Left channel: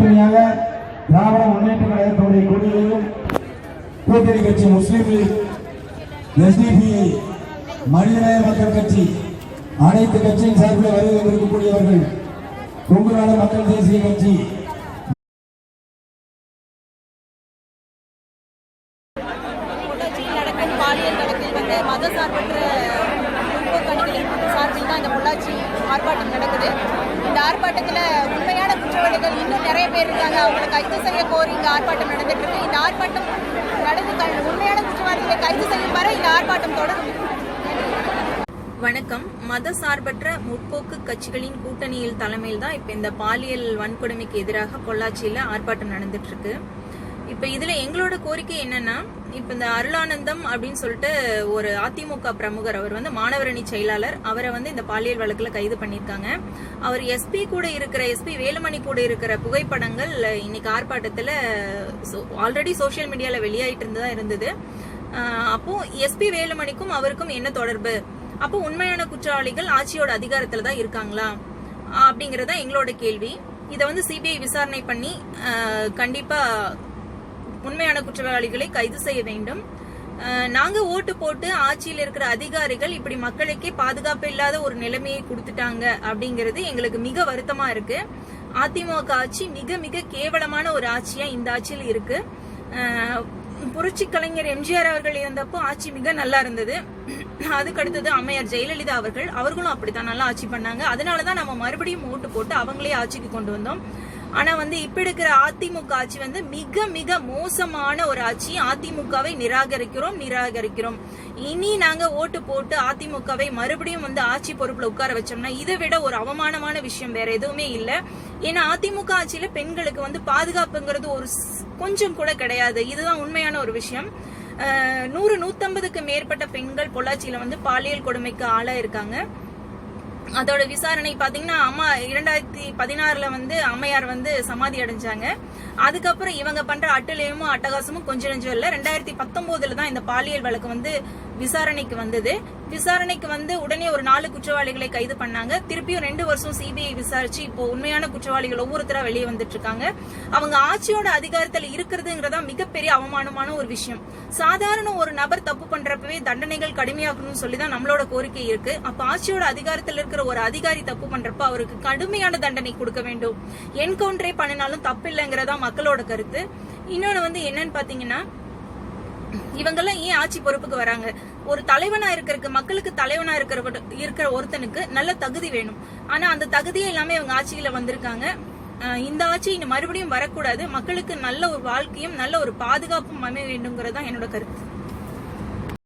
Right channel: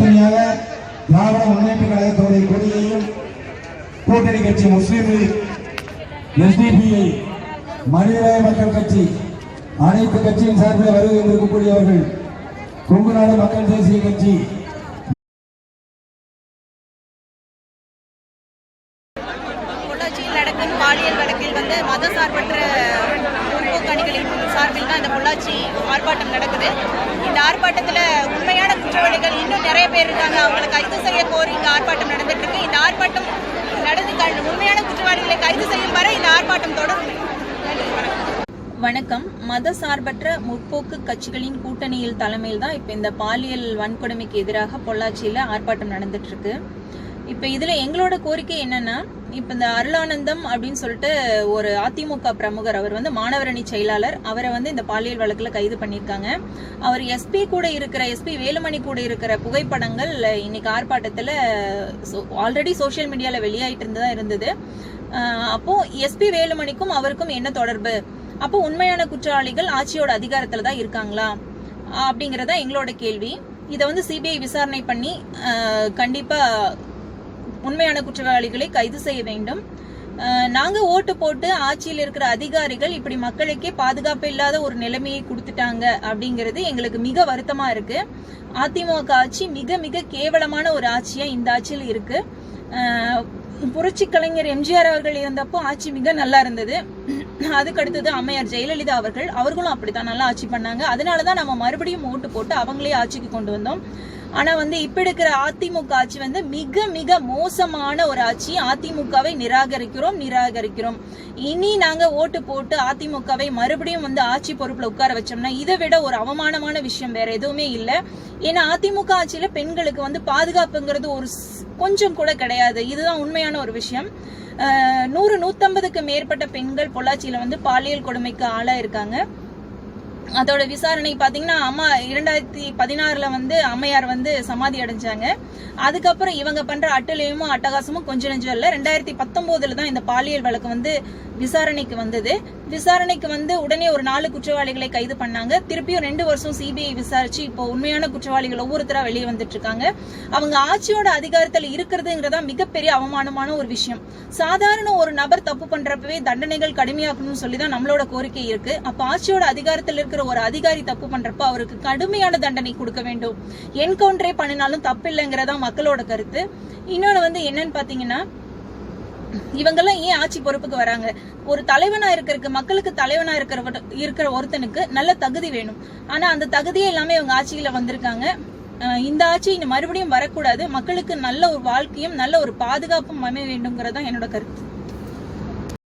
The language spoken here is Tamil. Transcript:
தனித்தனியாக திராவிட முன்னேற்ற கழகத்துடைய கொடியையும் கூட்டணி கட்சி முஸ்லீம் லீக் எஸ்டிபி மனிதநேய மக்கள் கட்சி அனைத்து கட்சியின் சார்பில் வருகை இருக்கக்கூடியவர்கள் கொங்கு நாடு மக்கள் தேசிய கட்சி. சார்பில் தான் இந்த பொள்ளாச்சி ஆர்ப்பாட்டம் நடக்குது. இந்த ஆர்ப்பாட்டத்தில் உண்மையான குற்றவாளிகள் இன்னும் நிறைய பேர் இருக்காங்க. அவங்களை கைது செய்ய கோரி இந்த ஆர்ப்பாட்டம் நடந்துட்டு இருக்கு. இந்த ஆர்ப்பாட்டம் நடந்து உண்மையான குற்றவாளிகளை கைது செய்யும் வரை இந்த ஆர்ப்பாட்டம் தொடரும். வணக்கம். மத சார்பற்ற முற்போக்கு கட்சிகளின் கூட்டணியில் தலைமையில் தான் இப்போ இந்த பாலியல் வன்கொடுமைக்கு எதிராக பொள்ளாச்சியில் ஆர்ப்பாட்டம் நடந்துட்டு இருக்கு. இப்போ இதில் எங்களோட கோரிக்கை என்னன்னா இப்போ இந்த அருளானந்தம் அப்படின்னு சொல்லிட்டு ஒரு அதிமுக பிரமுகர் அவர் வந்து மாணவரணி செயலாளர். அவரை வந்து இந்த பாலியல் வழக்கில் கைது பண்ணியிருக்காங்க அவர் எஸ்பி கூட இருக்கிற எஸ்பி வேலுமணி கூட இருக்கிற புகைப்படங்கள் இன்னைக்கு ஆர்ப்பாட்டத்தில் ஆல்ரெடி சோஷியல் மீடியாவில் வெளியாயிட்டு இருந்ததா இருந்தது. அப்போது அப்போ எஸ்பி வேலுமணிக்கும் அவருக்கும் என்ன தொடர்பு? அப்போ உண்மையான குற்றவாளிகள் ஆட்சியோட அதிகாரத்தில் தான் இருக்காங்களா? அப்படிங்கிறதா எங்களோட கேள்வி. இதை வந்து சிபிஐ விசாரணை பண்ணி கண்டிப்பாக உண்மையான குற்றவாளிகளை கைது செய்ய வேண்டும். நாங்க ஓட்டு போட்டு ஆட்சியில் இருக்கிற அதிகாரிகள் இப்படி மக்களுக்கே பாதுகாப்பு இல்லாத ஒரு நிலைமையை கொடுத்துட்டாங்க அப்படிங்கிறது எங்களுக்கு மிக வருத்தமா இருக்கு. அதிமுக ஆட்சி மிக மிக கேவலமான ஒரு ஆட்சியா இந்த ஆட்சியில் இருக்கு. புரட்சி கலைஞர் எம்ஜிஆர் அவர்கள் இருந்தப்போ ஆட்சி மிக நல்லா இருந்தது. அதுக்கு அடுத்தது அம்மையார் ஜெயலலிதா அவர்கள் அவர்களும் அப்படித்தான் நல்லா ஆட்சி பண்ணாங்க. அதனால தான் நம்ம மறுபடியும் ஓட்டு போட்டு அவங்களே ஆட்சிக்கு கொண்டு வந்தோம். ஆனா வந்து இப்ப இருக்கிற அதிமுக ஆட்சி வந்து மிக மிக மோசமான ஒரு ஆட்சி. அதிமுகவை நிராகரிக்கிறோம் நிராகரிக்கிறோம். இனி நாங்க ஓட்டு போட்டு அதிமுகவை மறுபடியும் வந்து ஆட்சி பொறுப்புல உட்கார வச்சோம்னா இதை விட ஒரு அவமானமான விஷயம் வேற எதுவுமே இல்லை. ஏன்னா அதிமுக ஆட்சியில பெண்களுக்கு வந்து பாதுகாப்புங்கிறது ஒரு ஸ்- கொஞ்சம் கூட கிடையாது. இதுதான் உண்மையான ஒரு விஷயம். நூறு நூத்தம்பதுக்கு மேற்பட்ட பெண்கள் பொள்ளாச்சியில வந்து பாலியல் கொடுமைக்கு ஆளா இருக்காங்க அதோட விசாரணை பார்த்தீங்கன்னா அம்மா இரண்டாயிரத்தி பதினாறுல வந்து அம்மையார் வந்து சமாதி அடைஞ்சாங்க. அதுக்கப்புறம் இவங்க பண்ற அட்டூழியமும் அட்டகாசமும் கொஞ்சம் நெஞ்சம் இல்லை. ரெண்டாயிரத்தி பத்தொன்பதுல தான் இந்த பாலியல் வழக்கு வந்து விசாரணைக்கு வந்தது. விசாரணைக்கு வந்து உடனே ஒரு நாலு குற்றவாளிகளை கைது பண்ணாங்க. திருப்பியும் ரெண்டு வருஷம் சிபிஐ விசாரிச்சு இப்போ உண்மையான குற்றவாளிகள் ஒவ்வொருத்தரா வெளியே வந்துட்டு இருக்காங்க அவங்க ஆட்சியோட அதிகாரத்தில் இருக்கிறதுங்கிறதா மிகப்பெரிய அவமானமான ஒரு விஷயம். சாதாரண ஒரு நபர் தப்பு பண்றப்பவே தண்டனைகள் கடுமையாக்கணும்னு சொல்லி தான் நம்மளோட கோரிக்கை இருக்கு. அப்ப ஆட்சியோட அதிகாரத்தில் இருக்கிற ஒரு அதிகாரி தப்பு பண்றப்ப அவருக்கு கடுமையான தண்டனை கொடுக்க வேண்டும். என்கவுண்டரே பண்ணினாலும் தப்பு இல்லைங்கிறதா மக்களோட கருத்து. இன்னொன்று வந்து என்னன்னு பாத்தீங்கன்னா இவங்கெல்லாம் ஏன் ஆட்சி பொறுப்புக்கு வராங்க? ஒரு தலைவனா இருக்கிறதுக்கு மக்களுக்கு தலைவனா இருக்கிற இருக்கிற ஒருத்தனுக்கு நல்ல தகுதி வேணும். ஆனா அந்த தகுதியே எல்லாமே இவங்க ஆட்சியில வந்திருக்காங்க. இந்த ஆட்சி இனி மறுபடியும் வரக்கூடாது. மக்களுக்கு நல்ல ஒரு வாழ்க்கையும் நல்ல ஒரு பாதுகாப்பும் அமைய வேண்டுங்கிறதான் தான் என்னோட கருத்து.